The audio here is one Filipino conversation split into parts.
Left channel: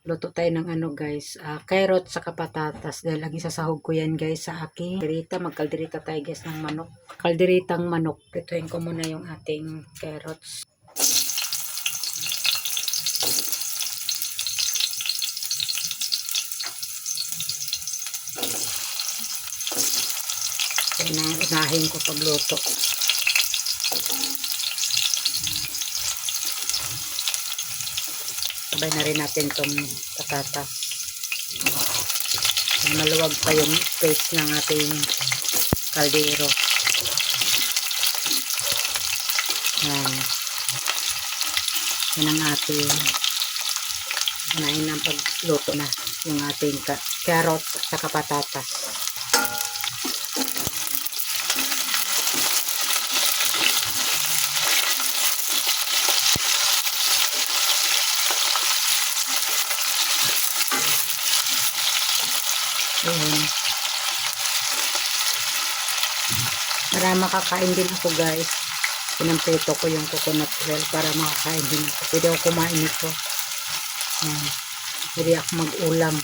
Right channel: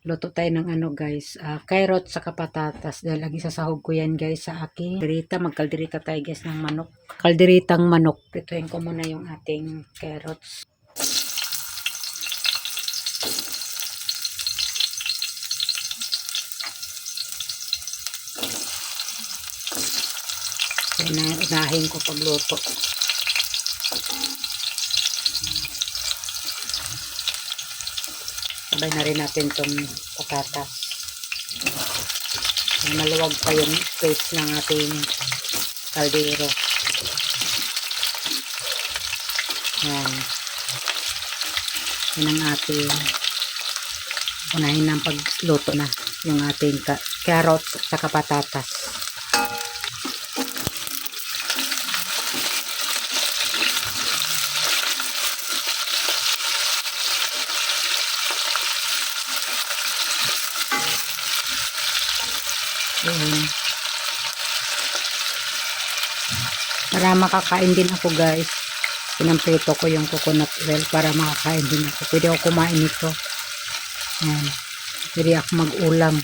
Luto tayo ng ano guys, carrot saka patatas. Dahil ang isasahog ko yan guys sa aking kaldereta. Magkaldereta tayo guys ng manok. Kalderetang manok. Pituin ko muna yung ating carrots. Yan ang unahin ko pagluto. Sabay na rin natin itong patatas. Maluwag pa yung space ng ating kaldero. Yan. Yan ang ating unahin ng pagluto na yung ating carrots at patatas. Ayan. Para makakain din ako guys. Pinamprito ko yung coconut oil para makakain din ako. Pwede ako kumain ito. Ayan. Pwede ako mag-ulam.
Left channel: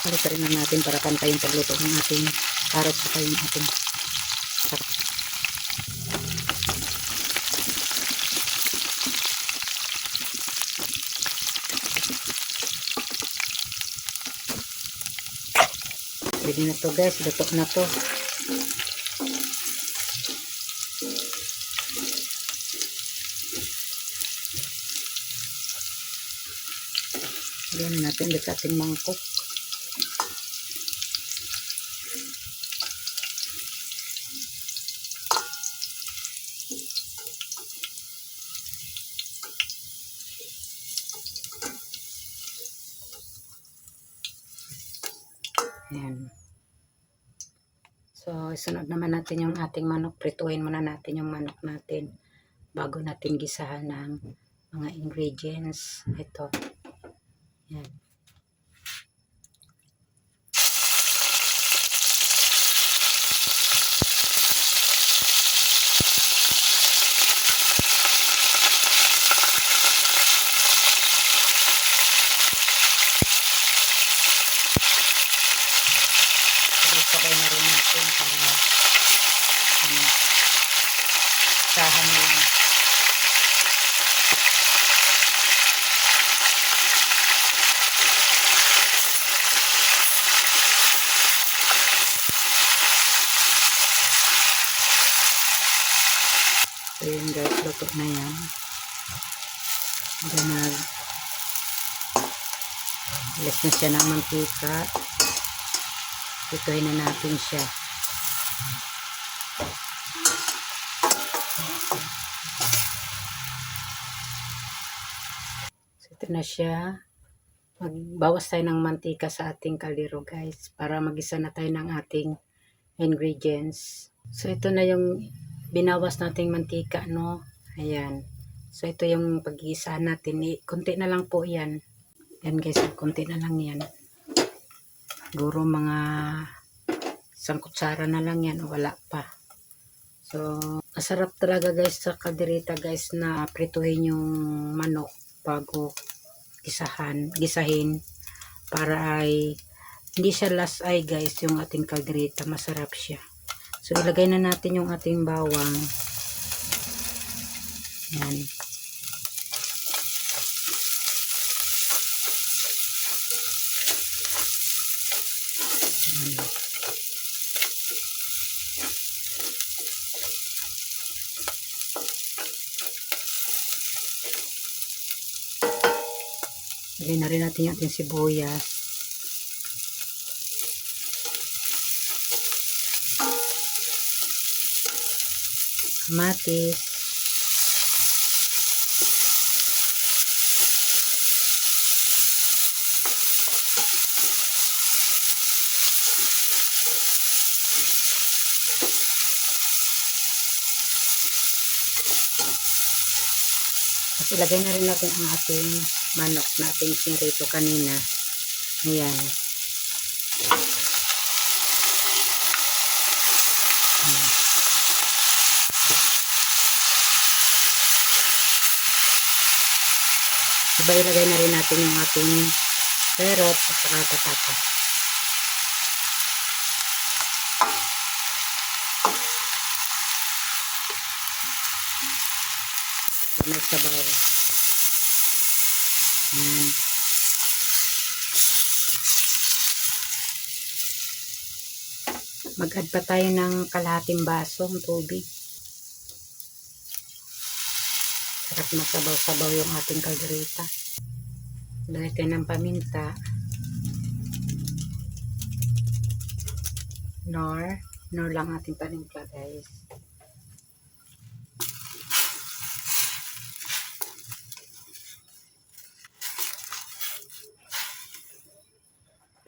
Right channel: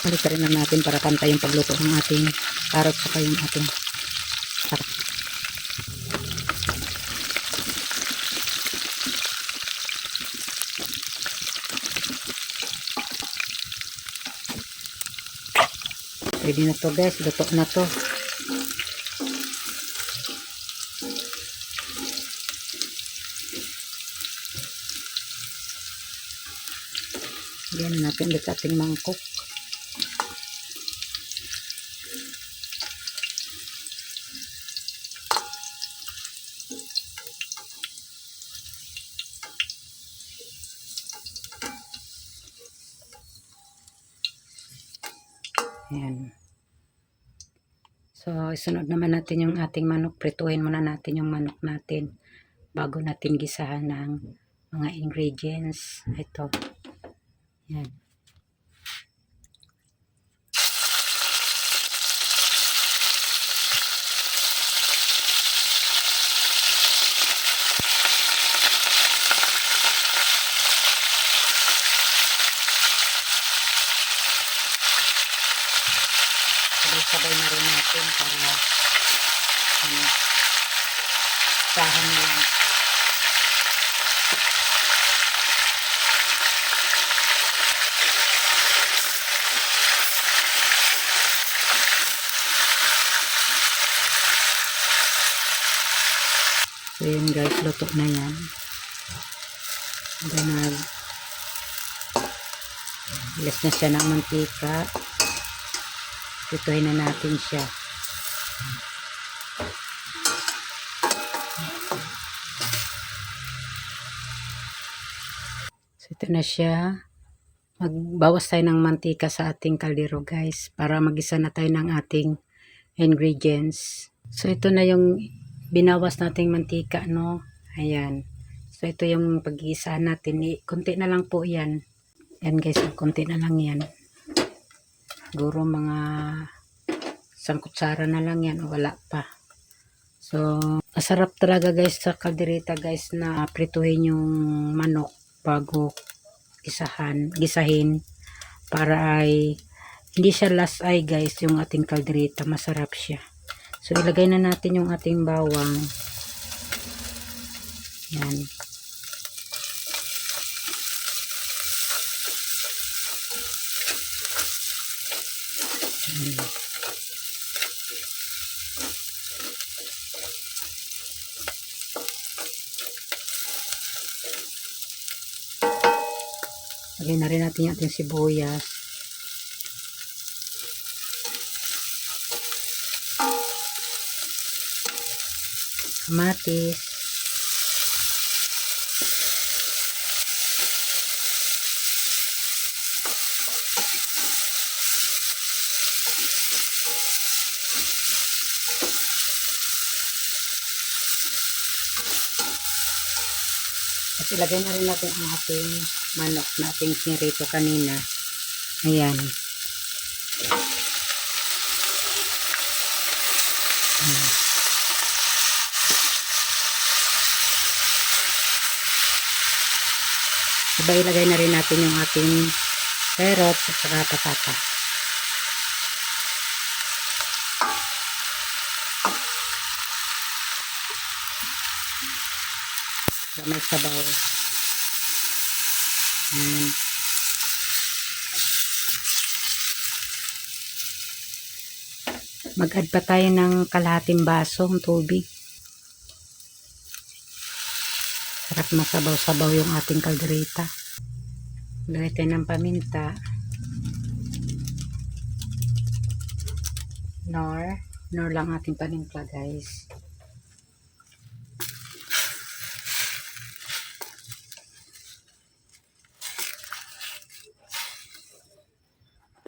Balik rin natin para pantay yung pagluto ng ating carrot saka yung ating sarap. Pwede na to guys, luto na to. Ayan natin ulit ating mangkok. Ayan. So, isunod naman natin yung ating manok. Prituhin muna natin yung manok natin bago natin gisahan ng mga ingredients. Ito. Ayan. Sabay na rin natin para sahan na lang. So yun guys, luto na yan. Alas na siya ng mantika. Pituhin na natin siya. So ito na siya. Magbawas tayo ng mantika sa ating kaldero guys para magisa na tayo ng ating ingredients. So ito na yung binawas nating mantika, no? Ayan. So ito yung pag-iisa natin. Kunti na lang po yan. Yan guys, kunti na lang yan. Siguro mga 1 kutsara na lang yan o wala pa. So masarap talaga guys sa kaldereta guys na prituhin yung manok bago gisahin para ay hindi siya last ay guys yung ating kaldereta. Masarap siya. So ilagay na natin yung ating bawang. Yan. Lagay na rin natin yung ating sibuyas. Kamatis. At ilagay na rin natin ang ating manok na ating sinirito kanina. Ayan. Diba ilagay na rin natin yung ating carrots at saka patata. So, may sabaw. Ayan. Mag-add pa tayo ng kalahating basong tubig. Sarap masabaw-sabaw yung ating kaldereta. Lagay tayo ng paminta. Nor lang ating panimpla, guys.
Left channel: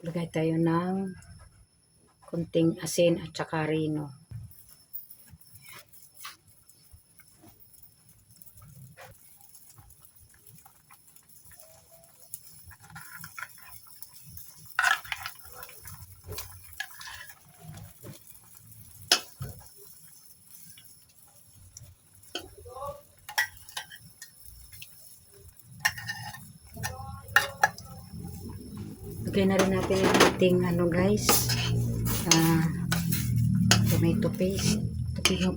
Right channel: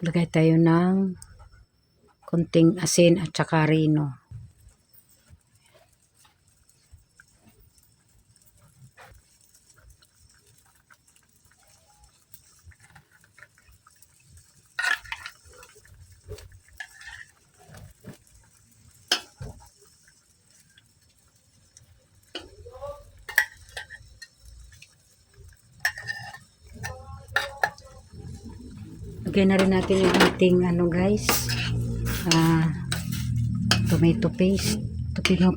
Lagay tayo ng konting asin at saka rino. Lagyan na rin natin yung ating guys, tomato paste.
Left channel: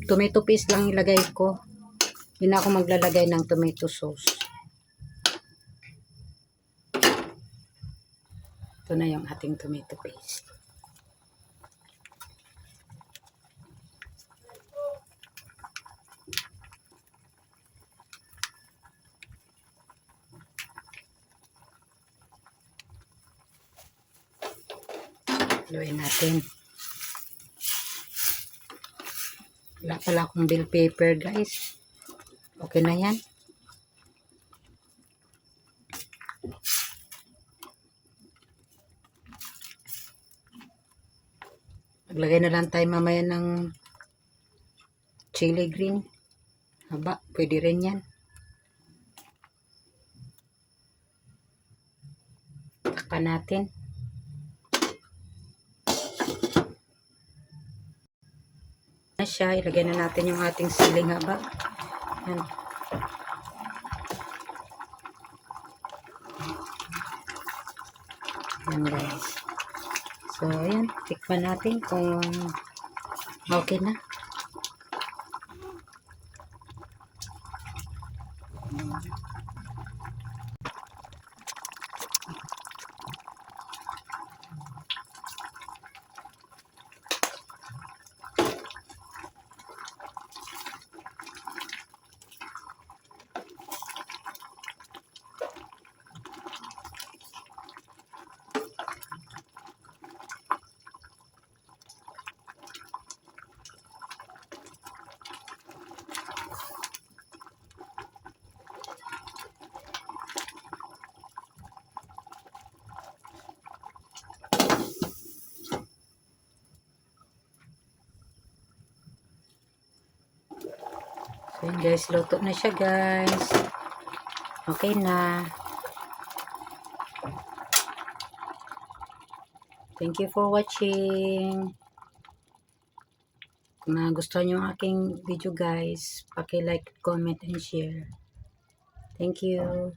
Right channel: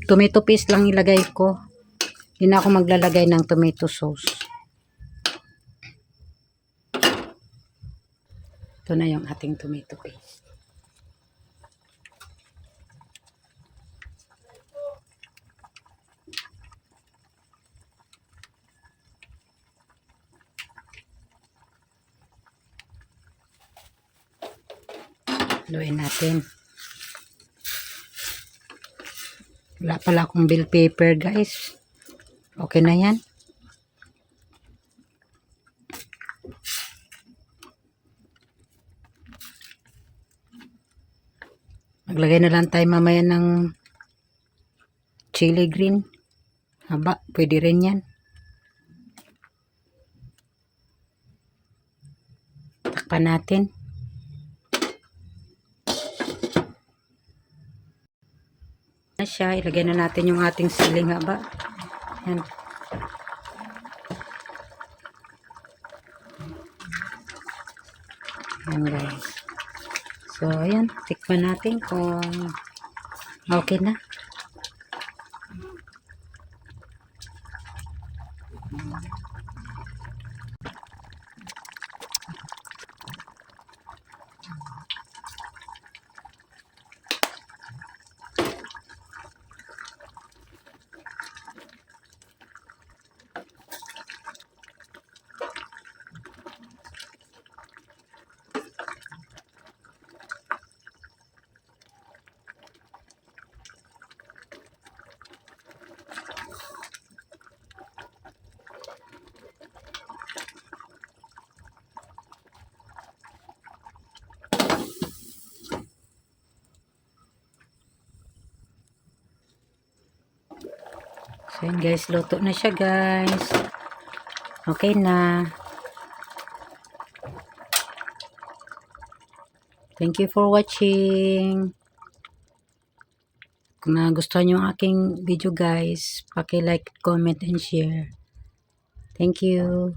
Tomato paste lang ilagay ko. Hindi na ako maglalagay ng tomato sauce. Ito na yung ating tomato paste. Haluin natin. Wala pala akong bell pepper, guys. Okay na yan. Maglagay na lang tayo mamaya ng chili green. Haba, pwede rin yan. Takpan natin. Siya, ilagay na natin yung ating siling haba. Yan. Yan, guys. So, ayan. Tikman natin kung okay na. So, yun guys, luto na siya, guys. Okay na. Thank you for watching. Kung nagustuhan nyo ang aking video, guys, paki-like, comment, and share. Thank you.